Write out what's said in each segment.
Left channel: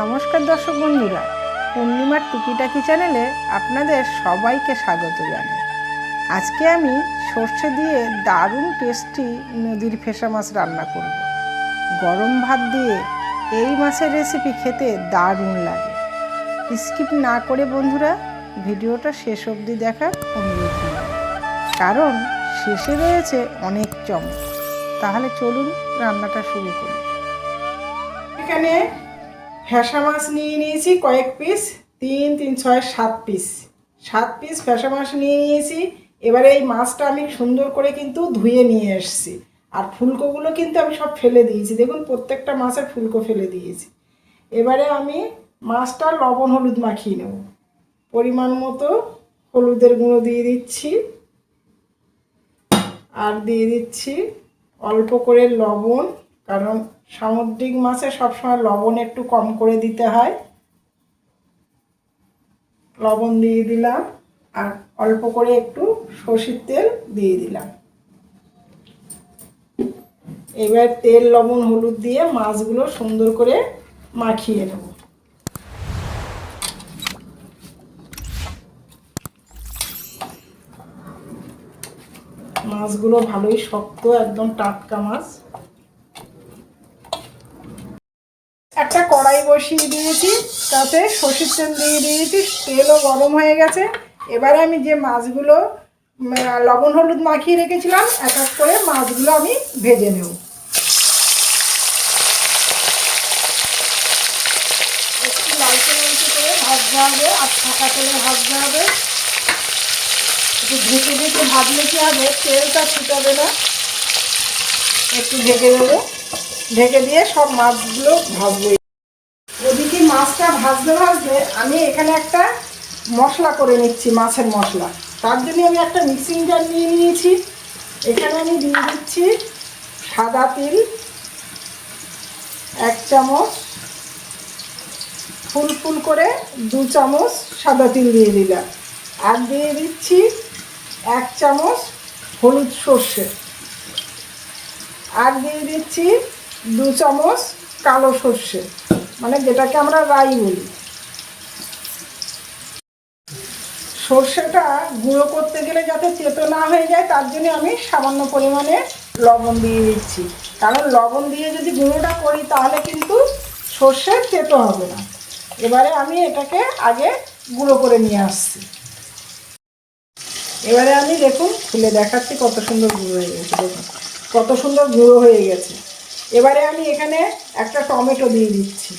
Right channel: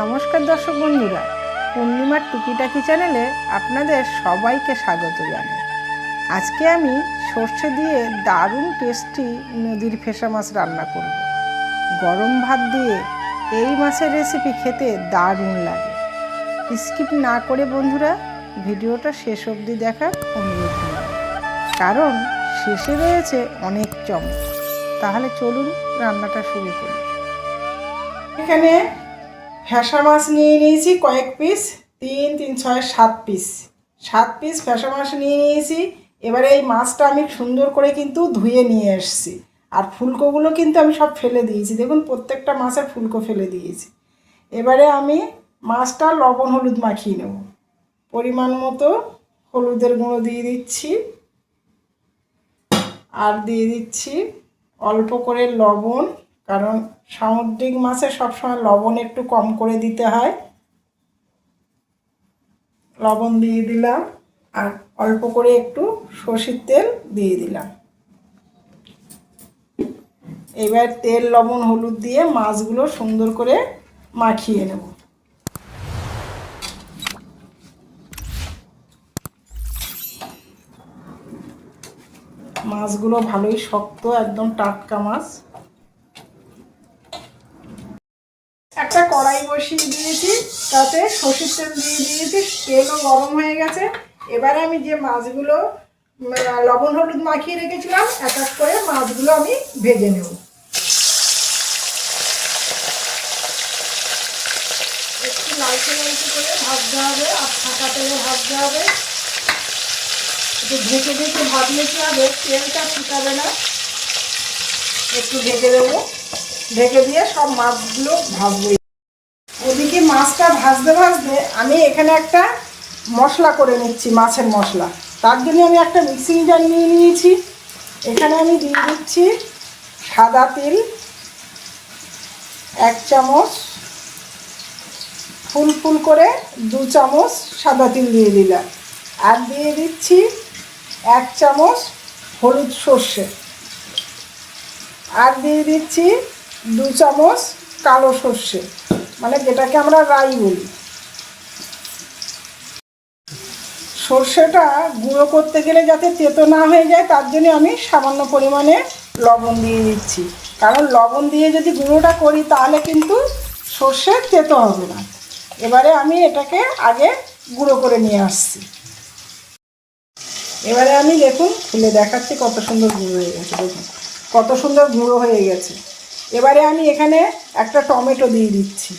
নমস্কার দর্শক বন্ধুরা, পূর্ণিমার টুকিটাকি চ্যানেলে আপনাদের সবাইকে স্বাগত জানাই। আজকে আমি সর্ষে দিয়ে দারুণ টেস্টি নদীর ফেসা মাছ রান্না করব। গরম ভাত দিয়ে এই মাছের রেসিপি খেতে দারুণ লাগে। স্কিপ না করে বন্ধুরা ভিডিওটা শেষ অবধি দেখার অনুরোধ রইল, কারণ শেষে রয়েছে অনেক চমক। তাহলে চলুন রান্নাটা শুরু করি। এখানে ফ্যাসা মাছ নিয়ে নিয়েছি কয়েক পিস, 3, 3, 6, 7 পিস 7 পিস ফ্যাসা মাছ নিয়ে নিয়েছি। এবারে এই মাছটা আমি সুন্দর করে কিন্তু ধুয়ে নিয়ে এসেছি, আর ফুলকোগুলো কিন্তু আমি সব ফেলে দিয়েছি। দেখুন প্রত্যেকটা মাছের ফুলকো ফেলে দিয়েছি। এবারে আমি মাছটা লবণ হলুদ মাখিয়ে নেব। পরিমাণ মতো হলুদের গুঁড়ো দিয়ে দিচ্ছি, আর দিয়ে দিচ্ছি অল্প করে লবণ, কারণ সামুদ্রিক মাছে সবসময় লবণ একটু কম করে দিতে হয়। লবণ দিয়ে দিলাম, আর অল্প করে একটু সরষের তেল দিয়ে দিলাম। এবার তেল লবণ হলুদ দিয়ে মাছগুলো সুন্দর করে মাখিয়ে নেব। মাছগুলো ভালোই শক্ত, একদম টাটকা মাছ। একটা কড়াই বসিয়ে দিয়েছি, তাতে সরষের তেল দিয়ে দিয়েছি, তেলও গরম হয়ে গেছে। এবারে আমি যে মাছগুলো লবণ হলুদ মাখিয়ে রেখেছিলাম, এক এক করে মাছগুলো আমি ভেজে নেব। একটু লালচে লালচে করে ভাজতে হবে, আর ফাঁকা তেলে ভাজতে হবে। একটু ঢেকে ঢেকে ভাজলে কি হবে, তেলটা ছুটাবে না। একটু ঢেকে দেবো, ঢেকে দিয়ে সব মাছগুলো ভাজবো। ওদিকে মাছটা ভাজতে ভাজতে আমি এখানে একটা মশলা করে নিচ্ছি, মাছের মশলা। তার জন্য আমি একটা মিক্সিং জার নিয়ে নিয়েছি। এখানে আমি দিয়ে দিচ্ছি সাদা তিল 1 চামচ, ফুল ফুল করে 2 চামচ সাদা তিল দিয়ে দিলাম। আর দিয়ে দিচ্ছি 1 চামচ হলুদ সর্ষে, আর দিয়ে দিচ্ছি 2 চামচ কালো সর্ষে, মানে যেটাকে আমরা রাই বলি। সর্ষেটা গুঁড়ো করতে গেলে যাতে তেতো না হয়ে যায়, তার জন্য আমি সামান্য পরিমাণে লবণ দিয়ে দিচ্ছি। কারণ লবণ দিয়ে যদি গুঁড়োটা করি তাহলে কিন্তু সর্ষে তেতো হবে না। এবারে আমি এটাকে আগে গুঁড়ো করে নিয়ে আসছি। এবারে আমি দেখুন খুলে দেখাচ্ছি কত সুন্দর গুঁড়ো হয়ে গেছে। দেখুন কত সুন্দর গুঁড়ো হয়ে গেছে। এবারে আমি এখানে একটা টমেটো দিয়ে দিচ্ছি,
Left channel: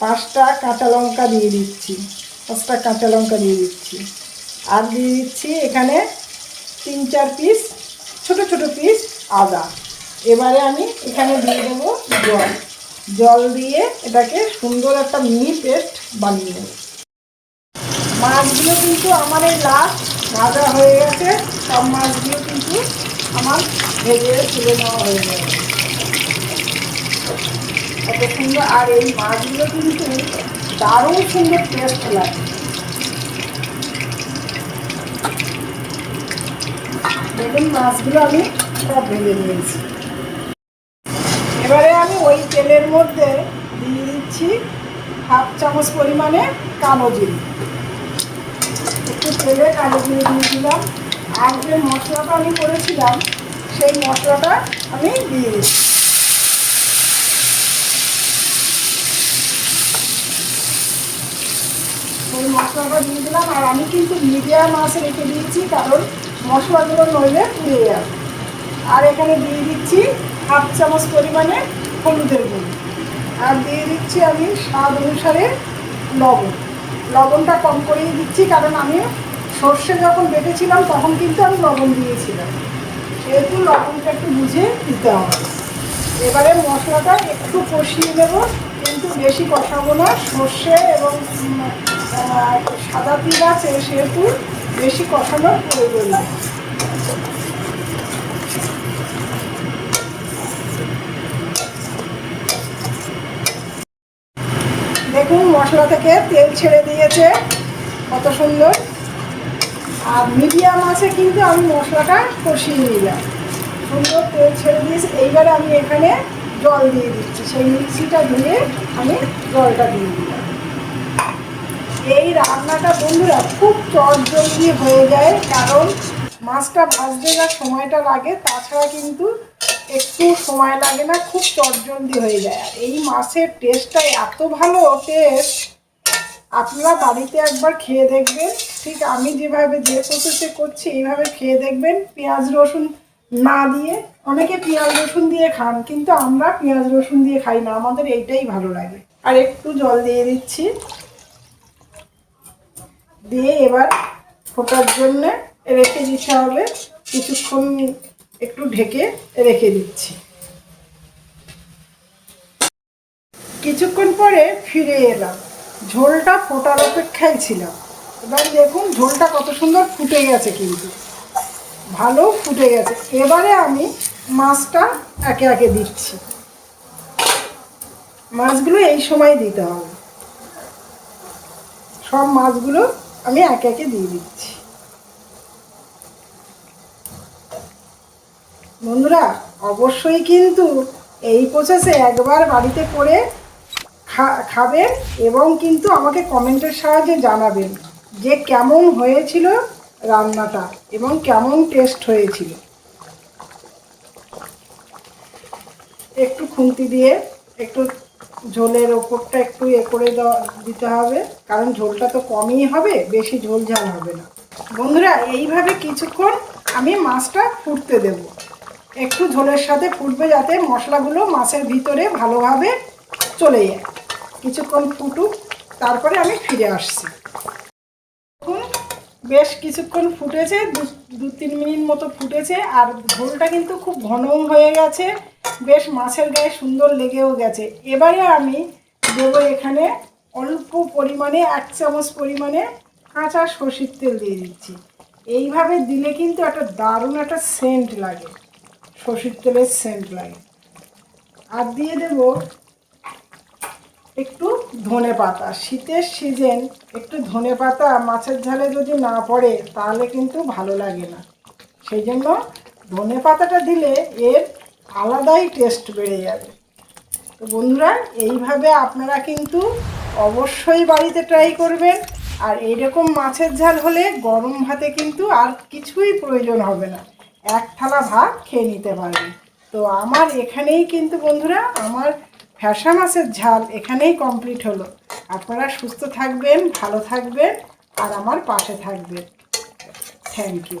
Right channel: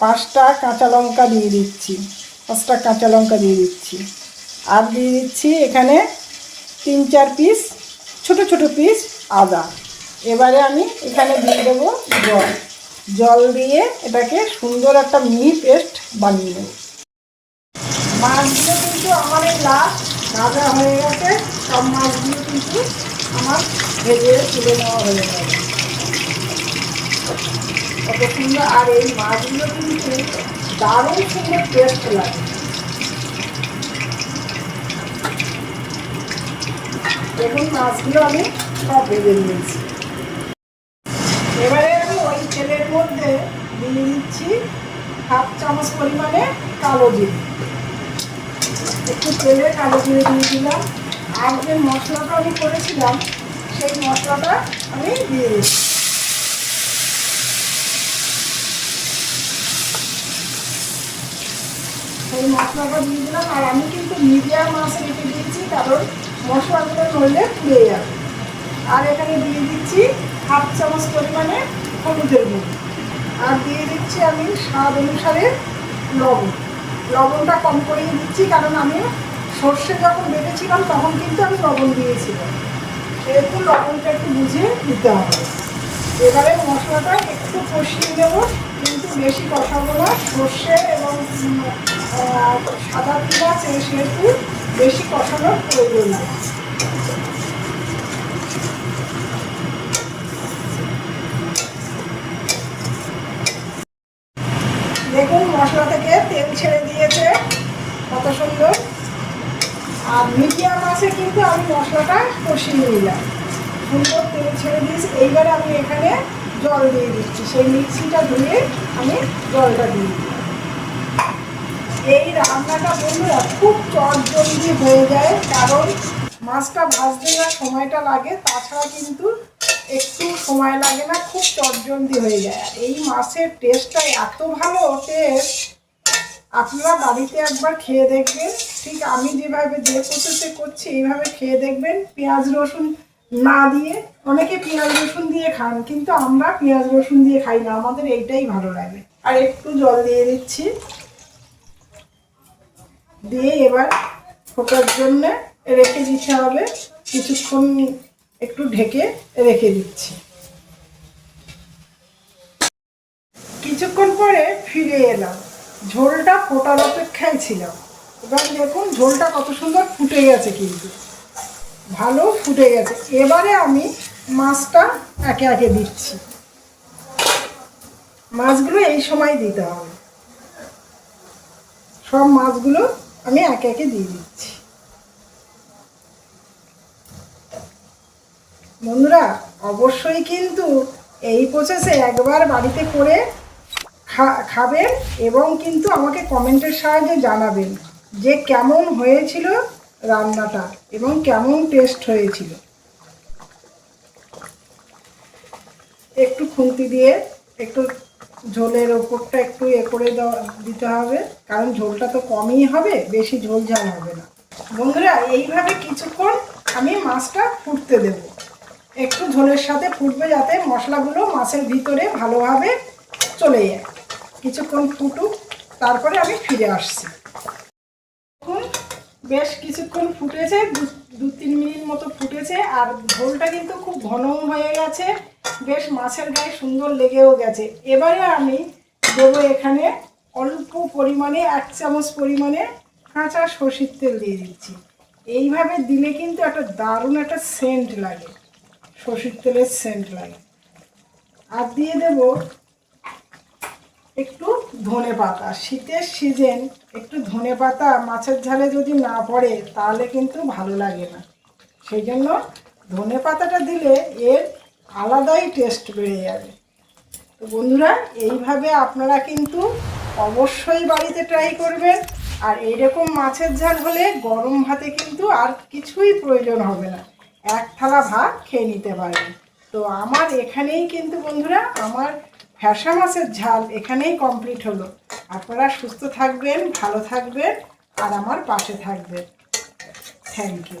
5টা কাঁচা লঙ্কা দিয়ে দিচ্ছি, 5টা কাঁচা লঙ্কা দিয়ে দিচ্ছি। আর দিয়ে দিচ্ছি এখানে 3-4 পিস ছোট ছোট পিস আদা। এবারে আমি এখানে দিয়ে দেবো জল। জল দিয়ে এটাকে সুন্দর একটা মিহি পেস্ট বানিয়ে নেব। মাছগুলো কিন্তু আমার এই ভাজা হয়ে গেছে। সব মাছগুলো কিন্তু আমার ভেজে তুলে নেওয়া হয়ে গেছে। কত সুন্দর, আর এই মাছগুলো কিন্তু দারুণ সুন্দর টেস্ট লাগে। দেখুন মাছগুলো আমি সব ভেজে নিয়েছি। এবারে আমি ওই তেলের মধ্যে দিয়ে দিচ্ছি 1/2 চামচ পরিমাণে কালো জিরে। একটু তেলে কালো জিরে দিয়ে দিলাম। আর যে মশলাটা আমি করেছিলাম সেই মশলাটা আমি দিয়ে দিচ্ছি। সেই মশলাটা দিয়ে দিলাম। আর আমি কিন্তু মিডিয়াম মাছ রেখে দিয়েছি, কারণ মশলাগুলো নইলে পুড়ে যাবে। আর এখানে দিয়ে দিচ্ছি 1/2 চামচ পরিমাণে হলুদের গুঁড়ো। আর দিয়ে দিচ্ছি আমি স্বাদ অনুসারে লবণ। লবণটা কম করেই দিচ্ছি, কারণ আমি সর্ষে যখন বেটেছিলাম তখন কিন্তু আমি লবণ দিয়েছিলাম, সেহেতু লবণটা একটু বুঝে দিতে হবে। এবারে মশলাটা একটু কষিয়ে দেবো, কিন্তু বেশি কষাবো না। সর্ষে এবং সাদা তিল আছে, সেহেতু বেশি কষানোর প্রয়োজন নেই। দেখুন মশলা থেকে তেল ছেড়ে দিয়েছে, কত সুন্দর। আর মিডিয়াম আছে কিন্তু আমি মশলাটা কষিয়ে নিয়ে যাব। সুন্দর তেল ছেড়ে দিয়েছি। এইবারে আমি এখানে জল দিয়ে দিচ্ছি, সেই মিক্সিটা ধুয়ে আমি জলটা দিয়ে দিই। এই রান্নাটা বন্ধুরা খুব চটজলদি হয়ে যায়, কারণ মাছটা ভাজতে না সময়টা লাগে, তাছাড়া কিন্তু একটু সময় লাগে না, খুব চটজলদি হয়ে যায়। এই মাছের টেস্টটা এত ভালো টেস্ট, আপনারা বাড়িতে একবার খেয়ে দেখবেন। ঠিক আমি যেভাবে যে প্রসেসে করছি এইভাবে খেয়ে দেখবেন, পেঁয়াজ রসুন না দিয়ে। অনেকে পেঁয়াজ রসুন দিয়ে খান, কিন্তু আমরা পেঁয়াজ রসুন দিয়ে খাই না, আমাদের এইটাই ভালো লাগে। আর একটু জল দিয়ে দিচ্ছি, দিয়ে এবার ফোটার জন্য রেখে দিতে হবে। কিছুক্ষণ একটু ঢেকে রেখে দিচ্ছি। কিছুক্ষণ পরে ফিরে এলাম, ঝোলটা ফোটার অপেক্ষায় ছিল। এবার দেখুন ঝোলটা কত সুন্দর ফুটে গেছে, কিন্তু ভালো ফুটে গেছে। এবারে আমি মাছটা একে একে দিচ্ছি। মাছগুলো এই সময় দিতে হবে, সব মাছগুলো আমি একে একে দিয়ে দিচ্ছি। বন্ধুরা অবশ্যই কিন্তু এই প্রসেসে একবার বাড়িতে করে খাবেন, এবং কিন্তু আমাকে কমেন্টের সাহায্যে জানাবেন যে কেমন হয়েছিল রান্নাটা এবং কেমন টেস্ট হয়েছিল। একটু খুন্তি দিয়ে একটু ঝোলের ওপরটা একটু করে দিতে হবে, কারণ ঝোলটা তো কমই হবে, বেশি ঝোল ঝাল হবে না। বন্ধুরা এইভাবে কিছুক্ষণ আমি মাছটা ফুটতে দেব, একটু ঝোলের সাথে ফুটবে, যাতে মশলাগুলো মাছের ভিতরে ভালোভাবে চলে যায়। কিছুক্ষণ ফুটুক, তারপরে আমি ফিরে আসছি। বেশ কিছুক্ষণ ফুটেছে, 2-3 মিনিট মতো ফুটেছে, আর ঝোলটা কিন্তু খুব ঘন হয়ে গেছে, বেশ মাছের গায়ে সুন্দর লেগেও গেছে। এবারে আমি দেবো এখানে অল্প পরিমাণে 1 চামচ পরিমাণে কাঁচা সরষের তেল দিয়ে দিচ্ছি। এইভাবে দিলে কিন্তু একটা দারুণ একটা সেন্ট লাগে, সরষের তেলের সেন্ট লাগে। আর দিয়ে দেব একটু ধনেপাতা। শীতের সিজন, একটু ধনেপাতা মাছের ঝালে যদি না পড়ে তাহলে কিন্তু ভালো লাগে না, সেই জন্য ধনেপাতাটা দিলে এর আলাদাই টেস্ট বেড়ে যাবে। তো বন্ধুরা এইভাবে আপনারা কিন্তু অবশ্যই বাড়িতে ট্রাই করবেন। আর এইরকম মাছের ঝাল হলে গরম ভাতে কিন্তু আর কিছুই প্রয়োজন হবে না, এক থালা ভাত খেয়ে নিতে পারবেন। তো আমার এখানেই কিন্তু বন্ধুরা আমার ফ্যাসা মাছের ঝাল এখানেই কমপ্লিট হলো। আপনারা সুস্থ থাকবেন, ভালো থাকবেন, আর আমার পাশে থাকবেন। Thank you.